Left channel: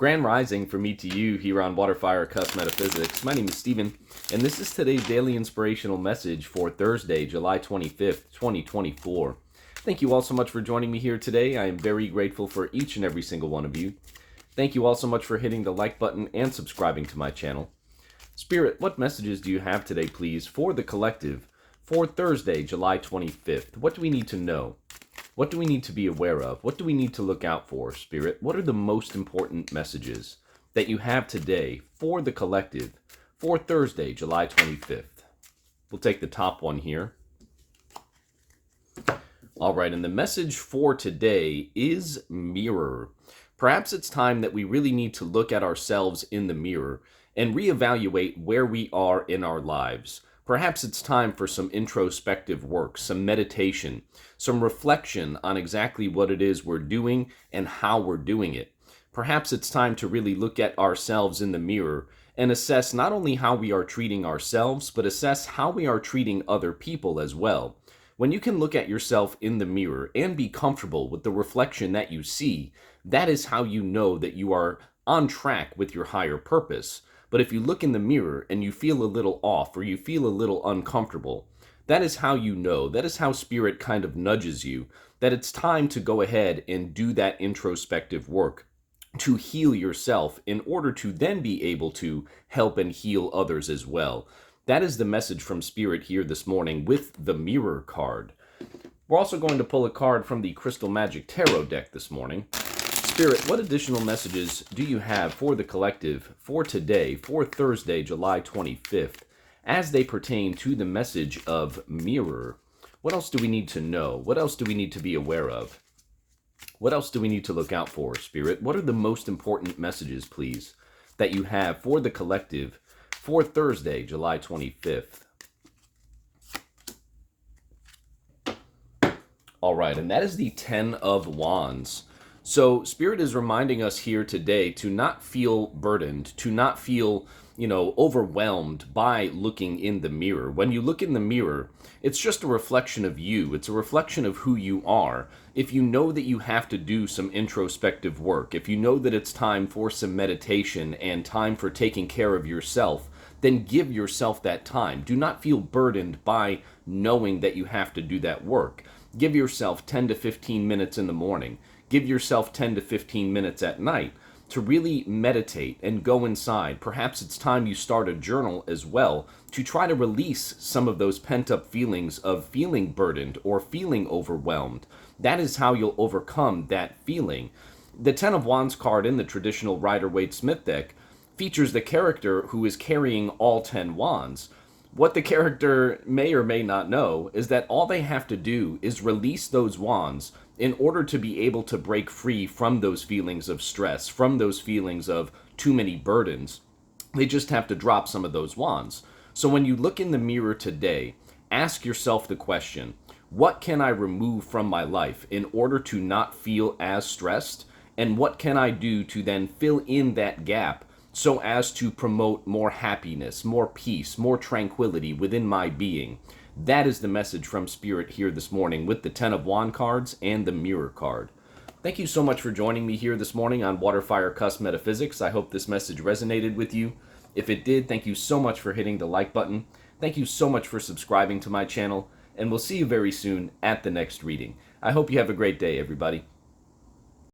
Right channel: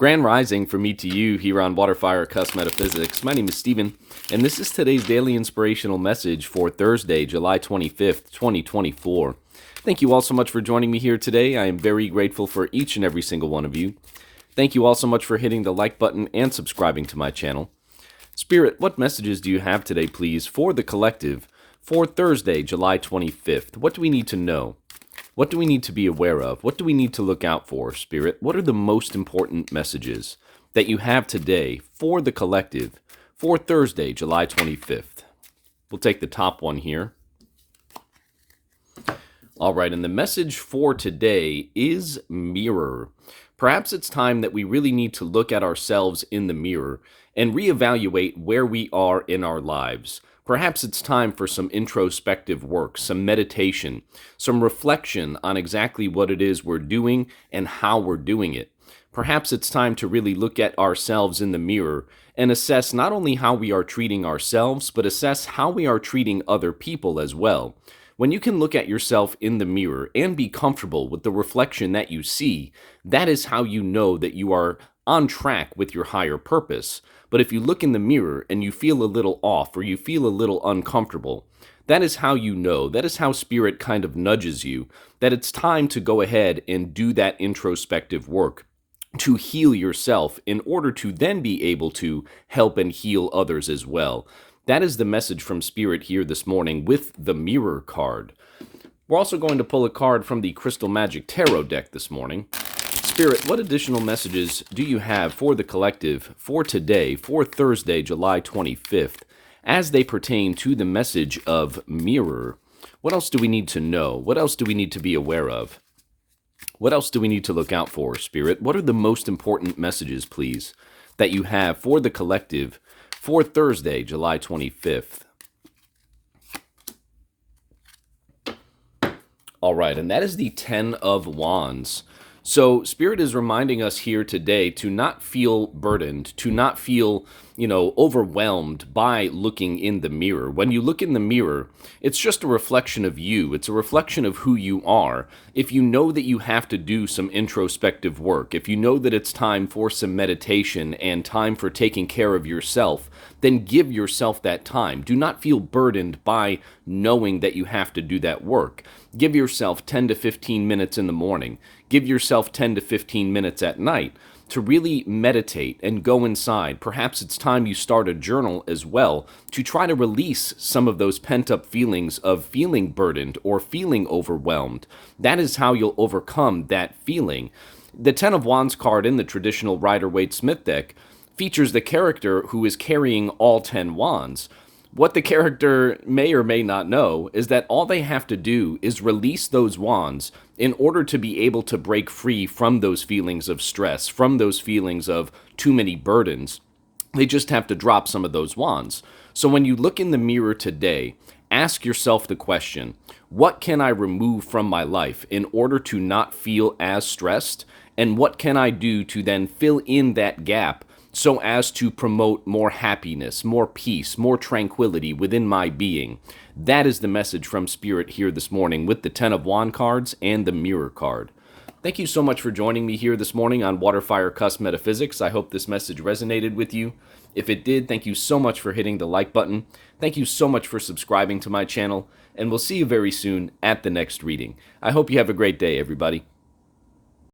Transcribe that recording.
Grand Rising from me to you here on WaterFireCusp Metaphysics. My name is Stephen, and this is today's daily inspirational message for Thursday, July 25th, 2024. Thank you all so much for joining me here today. I am very grateful for each and every single one of you. Thank you all so much for hitting the like button and subscribing to my channel. Spirit, what messages do you have today, please, for the collective for Thursday, July 25th? What do we need to know? What do we need to be aware of? What do we need to look out for, Spirit? What are the most important messages that you have today for the collective for Thursday, July 25th? We'll take the top one here. All right, and the message for today is mirror. Perhaps it's time that we really need to look at ourselves in the mirror and reevaluate where we are in our lives. Perhaps it's time for some introspective work, some meditation, some reflection on exactly what it is we're doing and how we're doing it. Perhaps it's time to really look at ourselves in the mirror and assess not only how we are treating ourselves, but assess how we are treating other people as well. When you can look at yourself in the mirror and be comfortable with the reflection that you see, that is how you know that you are on track with your higher purpose. But if you look in the mirror and you feel a little off or you feel a little uncomfortable, that is how you know, that is how Spirit kind of nudges you, that it's time to go ahead and do that introspective work to heal yourself in order to then be able to help and heal others as well. That is the message from Spirit here this morning with the Mirror card. We're also going to pull a card from the Crystal Magic Tarot deck this morning. Spirit, what additional messages do you have for the collective for today, for Thursday, July 25th, as they pertain to the message of mirror? What else do we need to know? What else do we need to be aware of? What else do we need to look out for, Spirit? What are the most important messages, please, that you have for the collective for Thursday, July 25th? All right, and that is the 10 of Wands. So Spirit is reminding us here today to not feel burdened, to not feel, overwhelmed by looking in the mirror. When you look in the mirror, it's just a reflection of you. It's a reflection of who you are. If you know that you have to do some introspective work, if you know that it's time for some meditation and time for taking care of yourself, then give yourself that time. Do not feel burdened by knowing that you have to do that work. Give yourself 10 to 15 minutes in the morning. Give yourself 10 to 15 minutes at night to really meditate and go inside. Perhaps it's time you start a journal as well to try to release some of those pent-up feelings of feeling burdened or feeling overwhelmed. That is how you'll overcome that feeling. The 10 of Wands card in the traditional Rider-Waite-Smith deck features the character who is carrying all 10 wands. What the character may or may not know is that all they have to do is release those wands in order to be able to break free from those feelings of stress, from those feelings of too many burdens. They just have to drop some of those wands. So when you look in the mirror today, ask yourself the question, what can I remove from my life in order to not feel as stressed? And what can I do to then fill in that gap so as to promote more happiness, more peace, more tranquility within my being? That is the message from Spirit here this morning with the 10 of Wands cards and the Mirror card. Thank you so much for joining me here this morning on WaterFireCusp Metaphysics. I hope this message resonated with you. If it did, thank you so much for hitting the like button. Thank you so much for subscribing to my channel, and we'll see you very soon at the next reading. I hope you have a great day, everybody.